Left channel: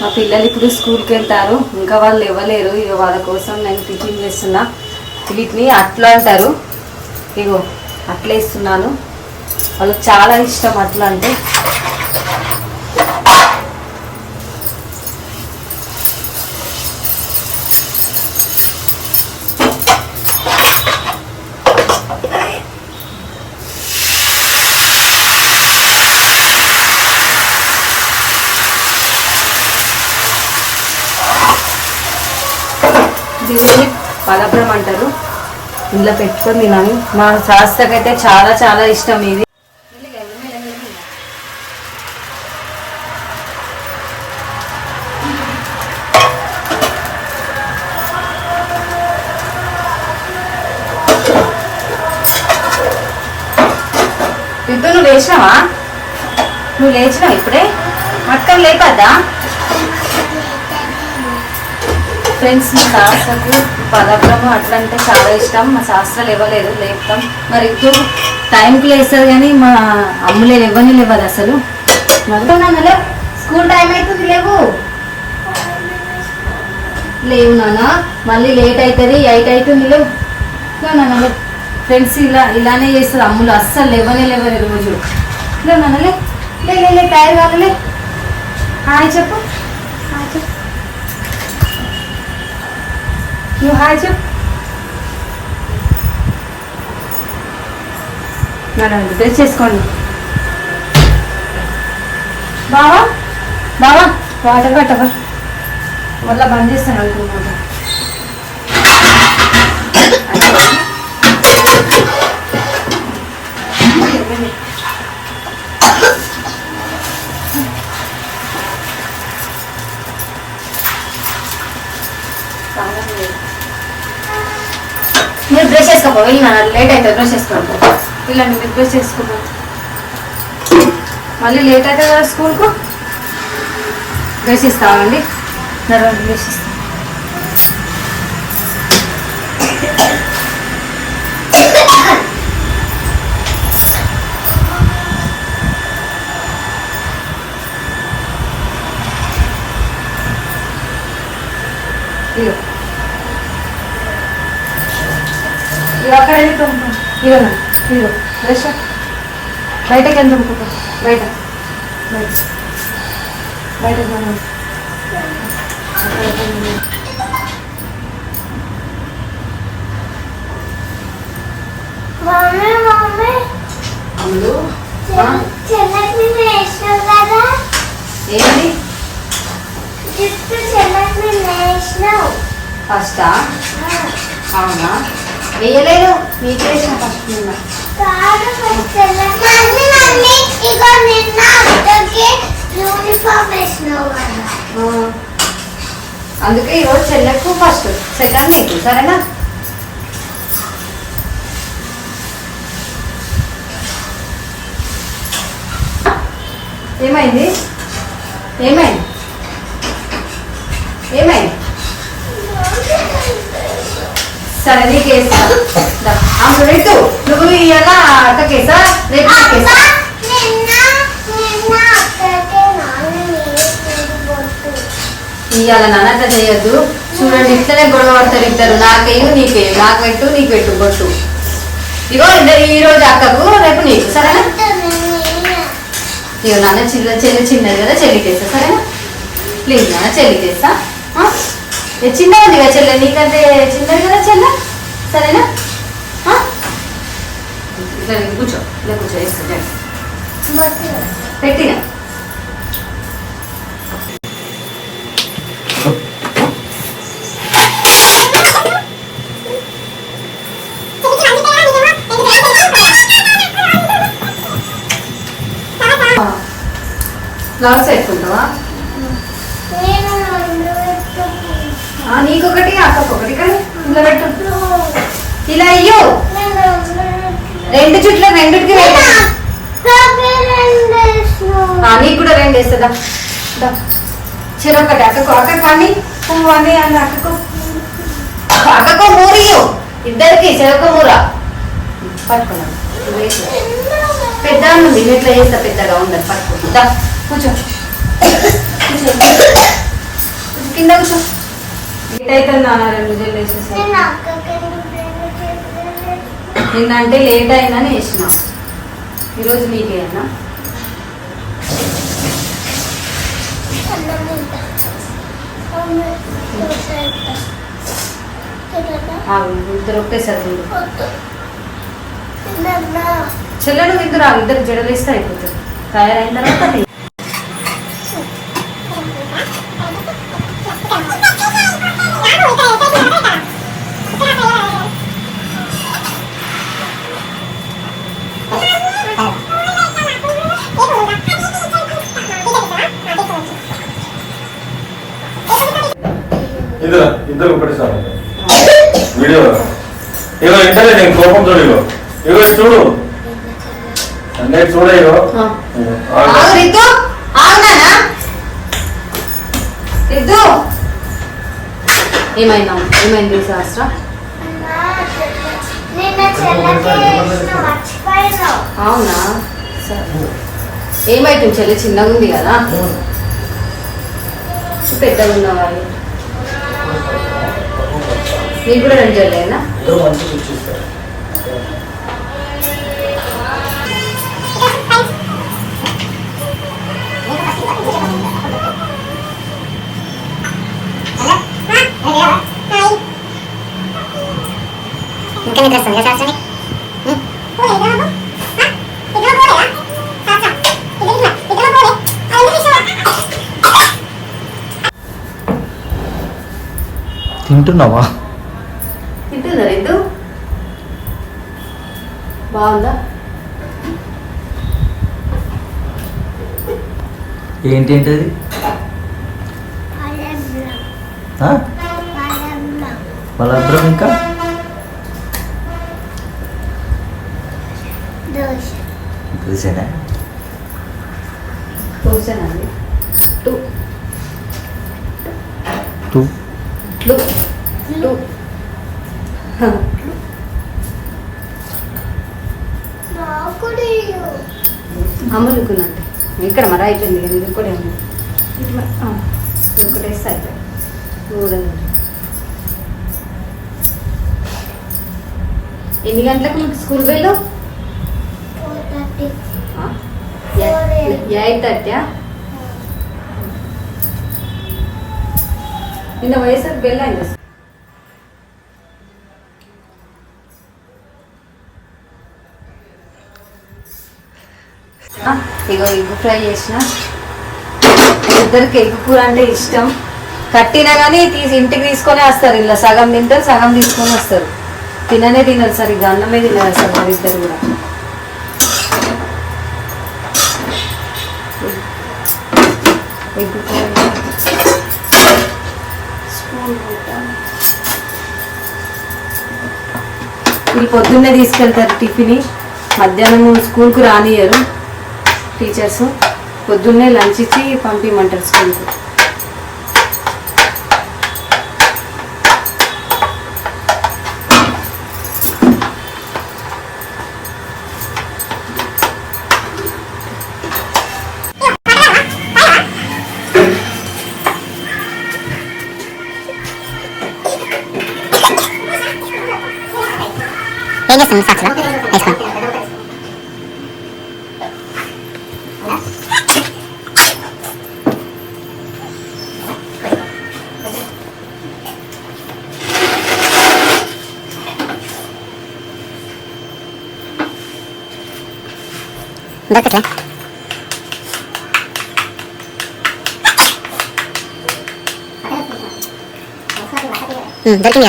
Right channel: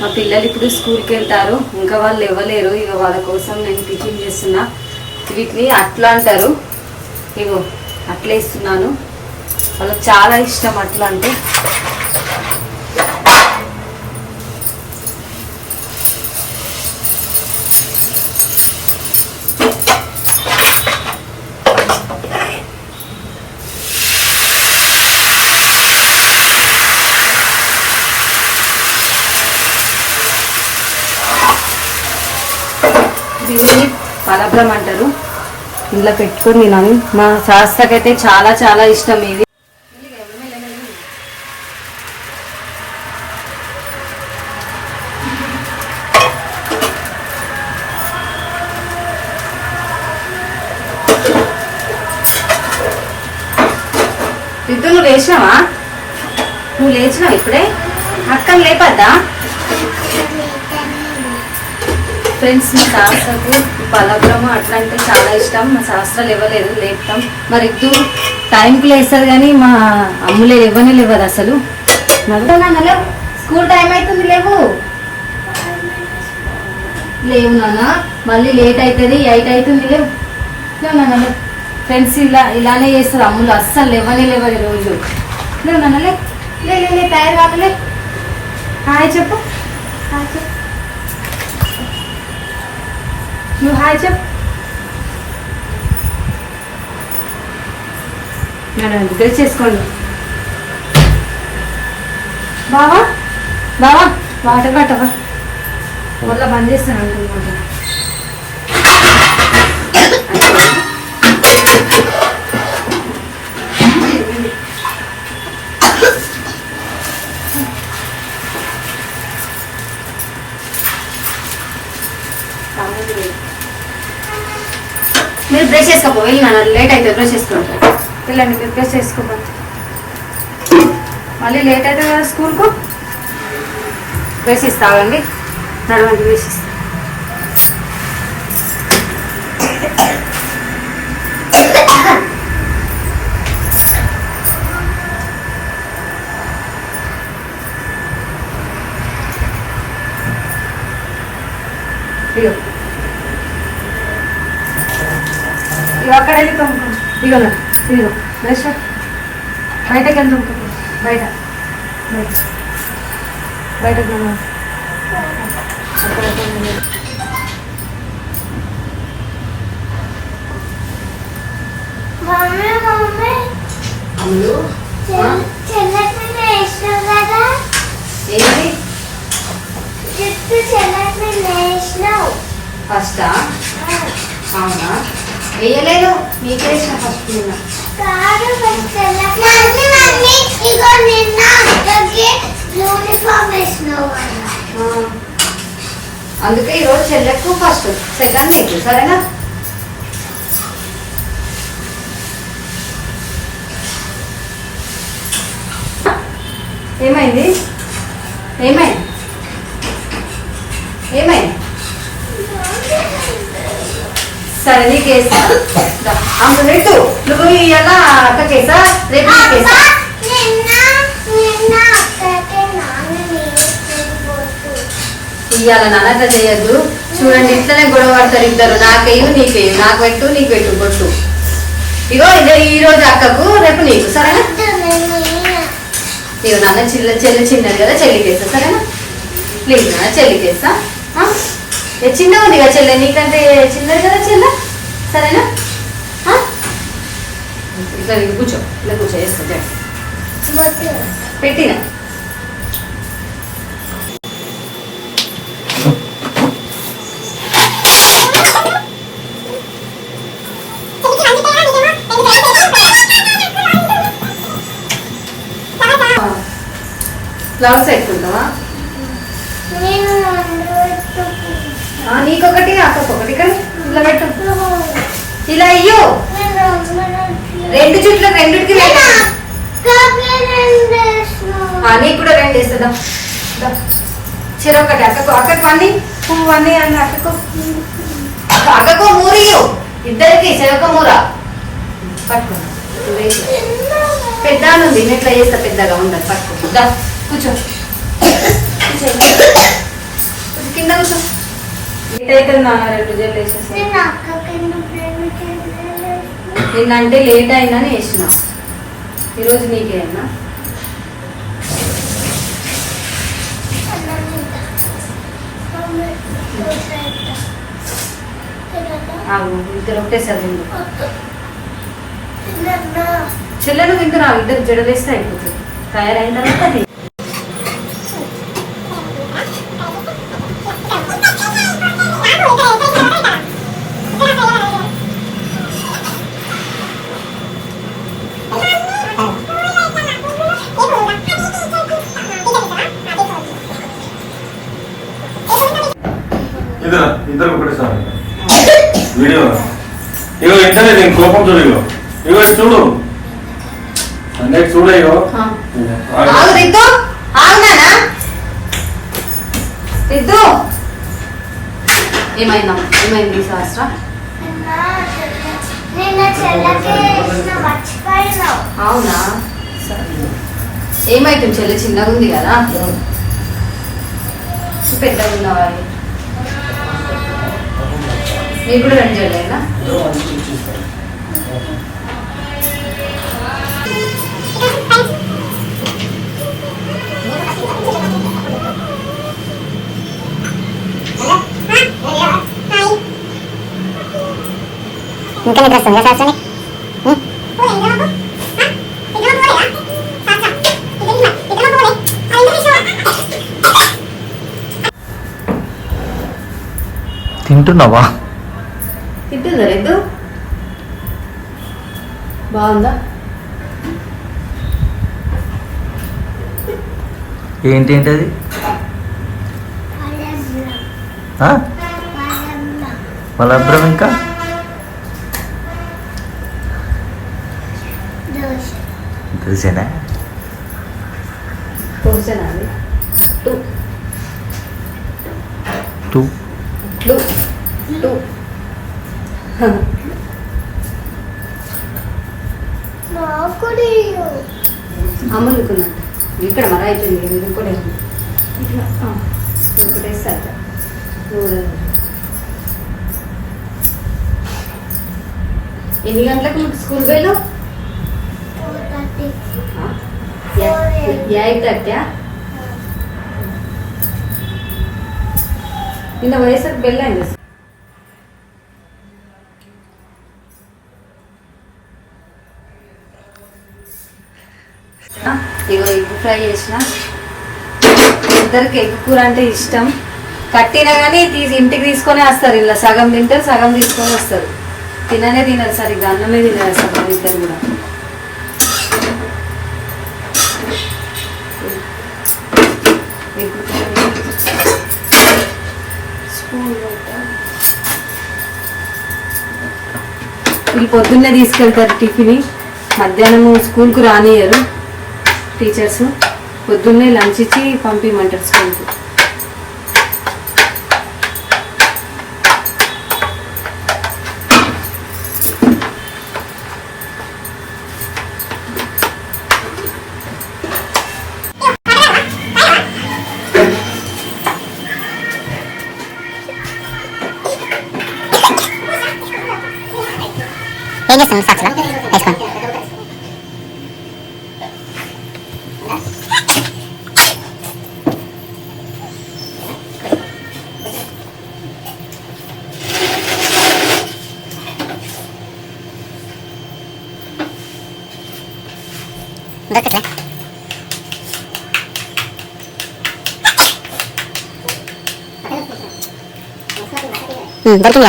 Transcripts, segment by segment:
మా పిల్లలు ఇప్పుడు స్కూల్కి వెళ్తారు. ఇంకా వాళ్ళు ఇవ్వలేరు ఇక వాళ్ళ కోసం నేను టిఫిన్ చేస్తున్నా. వీటిని అట్లా అంటారు. ఇగో అట్లా ఇస్తున్నాను వాళ్ళకి చాలా ఇష్టం అట్లా అంటే. పలభ్రం అంటారు. ఇంట్లో పెట్టుకొని తినాను మా శాస్త్రకైతే చాలా చాలా ఇష్టం ఇది. రిద్దు నువ్వు లేచినావా? నువ్వు లేచినావు ఇప్పుడే? అక్క లేపద్దా? ఫ్రెండ్స్ మా శాస్త్రకు పలబ్రము అట్లా అంటే చాలా ఇష్టం. మా శాస్త్రాలు ఇవ్వలేదు లేపుతాం. మరి ఇద్దరు టైంకి లేస్తారు కానీ మా అమ్ములే ఇవ్వని లేవదు అసలు? నాన్న స్కూల్ టైం అవుతుంది లేవు. లేవు నాన్న. మళ్ళీ లేట్ అవుతుంది ఎయిట్ అవుతుంది లేవు. నాన్న ఫ్రెండ్స్ ఇలా ఇలానే చేస్తారు అమ్ములు. అస్సలు లేవనే లేవని రోజు. లేవు నాన్న లే టైర్ కాదులే హాయ్ చెప్పు హాయ్ చెప్పు నువ్వు హాయ్ చెప్పు మేడం డ్రెస్ చేసుకోండి బావా బావా వాటర్ కట్టవా మళ్ళీ బంద్ చేస్తాను అనుకుంటున్నాను వెళ్ళి నాన్న లేట్ అయితే బ్రష్ చేసుకోపో వెళ్ళండి రిక్వెస్ట్ చేసుకుంటాం మళ్ళీ లేట్ అయితే కదా స్కూల్కు బ్రష్ ఇస్తావండి నడవండి బ్రష్ ఇగో అక్కడ వెళ్ళి తోముకో. ఇగో ఇదిగో. బ్రష్ బయటకి వెళ్ళి తోముకో. బయట. బయట. కదా? ఏంటి? ఫస్టా? అవునా? వేయలేదు మీకు వేసిన ఫస్ట్. అందుకే ఈరోజు చెల్లెకు ఫస్ట్ సెకండ్ నీకు సరేనా? ఏమైంది? ఏమైంది? అక్కకేసా రేపు అక్క నీకేసా నిన్న అట్లా చేయొద్దు. చూడండి ఇట్లనే గొడవ పడతారు ఇద్దరు. నాకేయు నీకేయు నాకు పెట్టు నీకు పెట్టు బొట్టు ఇగో ఇద్దరు ఈ రోజు అక్కకు రేపు నీకు. సరేనా? నీవు నాన్న చిల్ల చెల్లి చిన్నది కదా చెల్లికేస్తా సరేనా? ప్లీజ్ నాన్న చెల్లికేస్తా ఆ? ఏ చిన్న ఉంది కదా చెల్లె? నీకంటే చిన్నది కదా చెల్లె? సరేనా? ఇట్లా కూర్చో ఇట్లా కూర్చో వేసుకో పెట్టిన పెట్టినా ఫ్లవర్స్ పెట్టుకుంటావా నీకొకటి అక్కకొకటి కానీ ఇలా పెట్టు. ఇలా అయ్యో రెండు చుట్లు. ఆ, నీకు కూడా రెండు వేస్తుందా? చిరొకటి అక్కకు అక్కకు అన్ని పువ్వు అన్ని అన్ని అక్కకు. అక్కకు మూరియు ఇద్దరికి చెరొక మూర. పట్టుకో. వేసి. పెద్ద ఉంది ఇట్లా చేస్తా పెద్దగా ఉండదు పట్టుకో. దా, కూర్చో. కింద కూర్చో. అవుతుంది నాన్న రెండు జల్లు వేసేసి నిన్నంటే లేట్ అయినా వేసిన ఈరోజు మీకే అన్నా ఇద్దరు ఒకటేసారి వద్దు. తిననా? చెల్లెను తిందురా ఇద్దరు జడలేస్తే అయిపోతుంది తయారైన తర్వాత కోపం చూడు ఇగో ఇగో చూడు. చూడ ఇగో ఆ. ఇగో. ఆగు. రితు. ఆగునానా? రితు. ఏమైందా అవునా? సరే ఏమైతుంది? చెల్లి చిన్నగా ఉంది కదా. పెద్దగా ఉన్న వాళ్ళు నీకు కూడా వెంటలేనా ఇంకా నిద్ర వస్తుందా శాస్త్రాన్ని తింటున్నావా? తింటుందా రెడ్డు బాగుందా? ఏంటి ఏంటి అది మలబ్బరం ఇంకా? తెలిసేనా టూ టూ టూ టూ నాకు నీయు. అమ్ములుకున్నట్టు ఇక్కడ మరి అయిపోయింది ఇది ఒకటే ఉంది. ఇట్లా ఒకటి వేస్తే అయిపోయి మూడు ఎన్ని గంటలకు మీకు స్కూల్ వెళ్ళావు ఎయిట్ థర్టీ నిన్న వయసు వెళ్ళండి ఇగో ఎగ్ ఫ్రై చేసిన. ఇద్దరికి ఎగ్ కూర అంటే ఇష్టం. కట్టినా కానీ తీసి ఇంటికి తీసుకొని వస్తారు. ఇలా సగం తింటారు సగం తీసుకొని వస్తారు. తిననే తినరు సరిగ్గా అన్నమే తినరు అసలు ఇద్దరు కూడా. ఎగ్ స్పూన్ వీళ్ళు పొద్దున్నే తీసుకెళ్తారు టిఫిన్. మధ్యాహ్నము స్కూల్కు రానియరు టీచర్స్. పొద్దున్నే లంచ్ ఇచ్చి పంపించమంటారు స్కూల్కి. ജലക്കിനി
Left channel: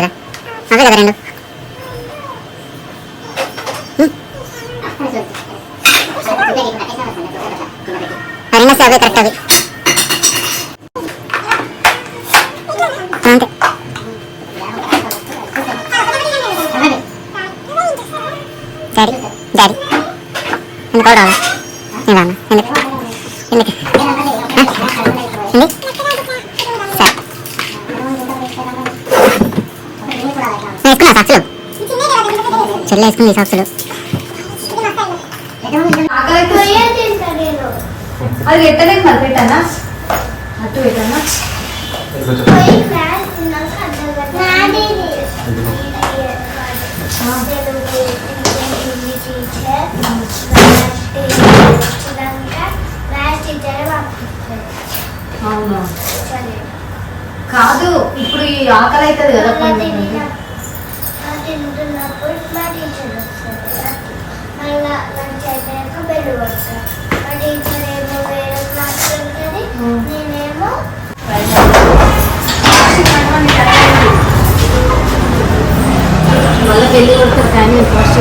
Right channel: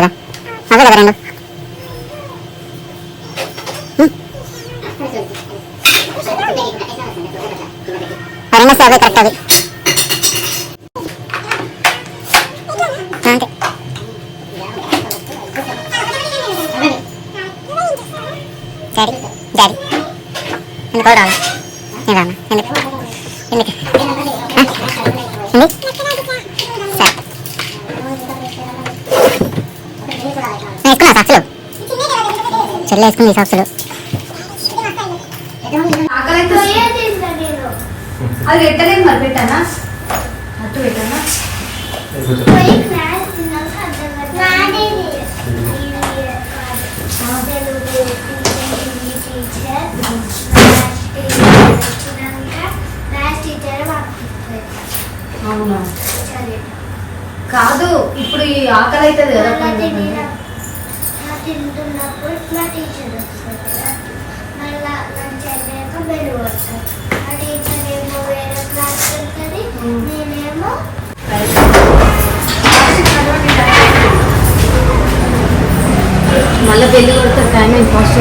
കറക്റ്റ് ഡാഡി എന്നിട്ട് എന്നിട്ട്. చెల్లి వేసుకుంది సాక్సులు అది పెట్టలేదు మరి పెట్టానా? అట్టు పెట్టానా? అవునా? కాదు ఇప్పుడు ఈ ఆకలి అవుతుంది కదా మళ్ళా పండుగ. తినిన- ఆ తింటున్నప్పుడు మా టీచర్ వస్తుంది కదా. మళ్ళీ లంచ్ అయిపోయాక బెల్ కొడుతుంది మా టీచర్ ఏమో వేరే క్లాస్ వెళ్తుంది నేనేమో మళ్ళీ పెళ్ళి కొడుతుంది కానీ ఫస్ట్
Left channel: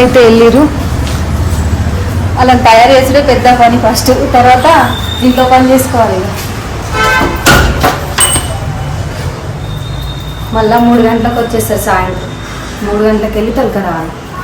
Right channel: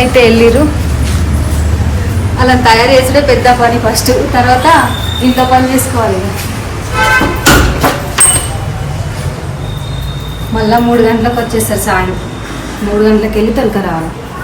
అయితే వెళ్ళిరు అలా తయారు చేసుడే పెద్ద పని ఫస్ట్. తర్వాత ఇంట్లో పని చేసుకోవాలి మళ్ళీ మళ్ళా మూడు గంటలకు వచ్చేస్తారు సాయం మూడు గంటలకు వెళ్ళి తొలక రావాలి.